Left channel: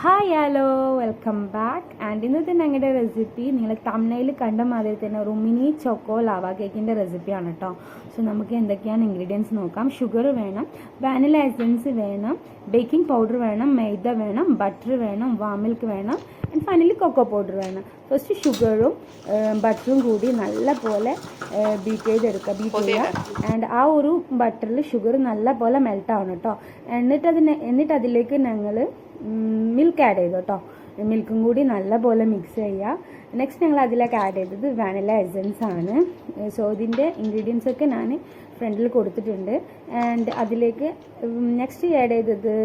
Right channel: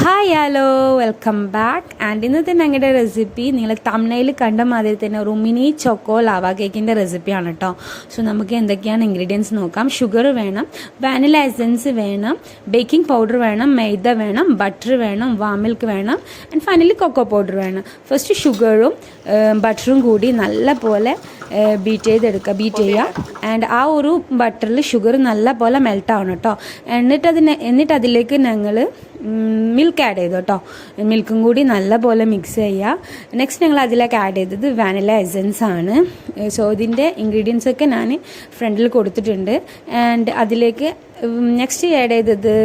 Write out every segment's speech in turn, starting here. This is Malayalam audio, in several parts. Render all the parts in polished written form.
Hi hello welcome back. And ഇന്നത്തെ ഞങ്ങളുടെ റെസിപ്പി നിങ്ങൾ തമിഴ്നയിൽ കണ്ട മാതിരി തന്നെ ഒരു മിനി ചോക്കോ ലാവ കേക്കിൻ്റെ റെസിപ്പിയാണ് കേട്ടോ. സോ നമുക്ക് എന്തൊക്കെയാണ് ഇൻഗ്രീഡിയൻസ് നോക്കാം. ഷുഗർ വേണം, വാനില എസൻസ് വേണം, ബേക്കിംഗ് പൗഡർ വേണം, മൈദ വേണം, ബട്ടർ വേണം, വാം മിൽക്ക് വേണം, ആൻഡ് ഫൈനലി കൊക്കോ പൗഡർ വേണം. ഫസ്റ്റ് ഷുഗറും ബട്ടറും കൂടി നല്ല പോലെ ബീറ്റ് ചെയ്യുക. ആൻഡ് ആ ഒരു ബട്ടറിൽ ഷുഗർ നല്ല പോലെ മെൽറ്റ് ആവണം കേട്ടോ. എന്നിട്ട് അതിലേക്ക് ഞങ്ങൾ മിൽക്ക് ആഡ് ചെയ്തു കേട്ടോ. മിൽക്കും കൂടി നല്ല പോലെ മിക്സ് ചെയ്യുക. നെക്സ്റ്റ് ഞങ്ങൾ അതിലേക്ക് ആഡ് ചെയ്തത് വാനില എസൻസ് ആണ്. സോ ഇതിൻ്റെ ഇൻഗ്രീഡിയൻസ് ഒക്കെ ഞാൻ ഫ്രണ്ടിൽ കൊടുത്തിട്ടുണ്ട്. ആൻഡ് അതിലേക്ക് നെക്സ്റ്റ് ആഡ് ചെയ്തത്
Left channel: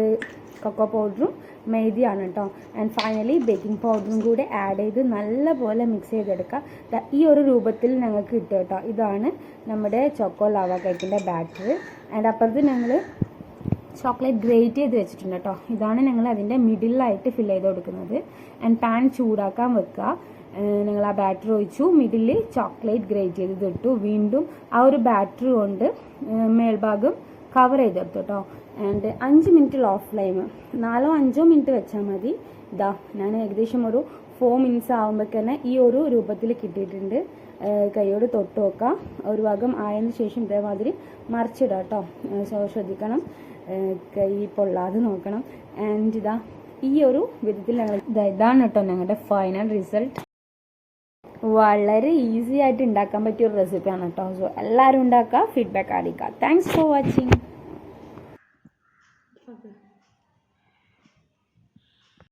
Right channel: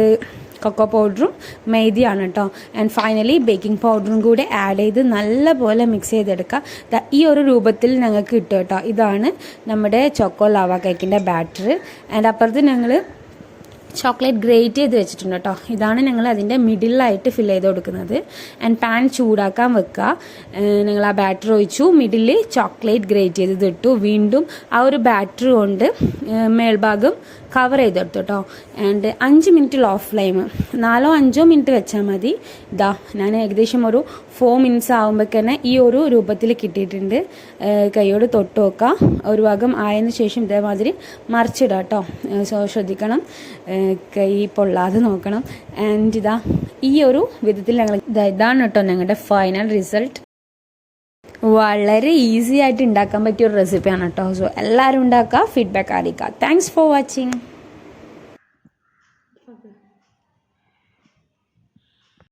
കൊക്കോ പൗഡറും മൈദയാണ് കേട്ടോ. ആൻഡ് ഫൈനലി ബേക്കിംഗ് പൗഡറും കൂടി ആഡ് ചെയ്ത് നല്ല പോലെ മിക്സ് ചെയ്തെടുക്കുക. ഈ ഒരു രൂപത്തിൽ ഞങ്ങൾക്ക് കിട്ടും കേട്ടോ. ഇതാണ് നമ്മുടെ ചോക്കോ ലാവ കേക്കിൻ്റെ ബാറ്റർ. ആൻഡ് അപ്പുറത്ത് ഞങ്ങൾ ചോക്ലേറ്റ് ഗ്രേറ്റ് ചെയ്ത് വെച്ചിട്ടുണ്ട് കേട്ടോ. ഇതാണ് ഞങ്ങൾ അതിൻ്റെ മിഡിലായിട്ട് ഫിൽ ചെയ്ത് കൊടുക്കുന്നത്. ആൻഡ് പാൻ ചൂടാക്കാൻ വെക്കുക. നിങ്ങൾ ആ ബാറ്റർ ഒഴിച്ചു, മിഡിൽ ചോക്ലേറ്റ് ഗ്രേറ്റ് ചെയ്ത് ഇട്ടു. വീണ്ടും ആ ഒരു ബാറ്റർ കൊണ്ട് മേൽഭാഗം കവർ ചെയ്തെടുത്തു കേട്ടോ. And 5 minute low flame, 4-5 minute വെച്ചാൽ മതി. ഇതാ ഞാൻ ഏകദേശം ഒരു 4 മിനിറ്റ്സ് ആകുമ്പോഴേക്കന്നെ ഈ ഒരു രൂപത്തിൽ കിട്ടിയിട്ടുണ്ട്. കൈയോട് തൊട്ട് വെക്കാം. ഒരു ഭാഗം ആയതിനു ശേഷം ഇതേമാതിരി മറിച്ചിടാം കേട്ടോ. സോ ശ്രദ്ധിക്കണം, കൈ പൊള്ളാതെ നോക്കണം. ആൻഡ് ഇതാ ഈ ഒരു വിധത്തിൽ ഞങ്ങൾ ഇതാണ് കേട്ടോ ഞങ്ങളുടെ ഫൈനൽ റിസൾട്ട്. വളരെ ഈസി ആയിട്ട് ഉണ്ടാക്കാൻ പറ്റിയ ഒരു റെസിപ്പിയാണ് കേട്ടോ. സോ എല്ലാവരും ഉണ്ടാക്കുക, ഫീഡ്ബാക്ക് അറിയിക്കുക. Thanks for watching.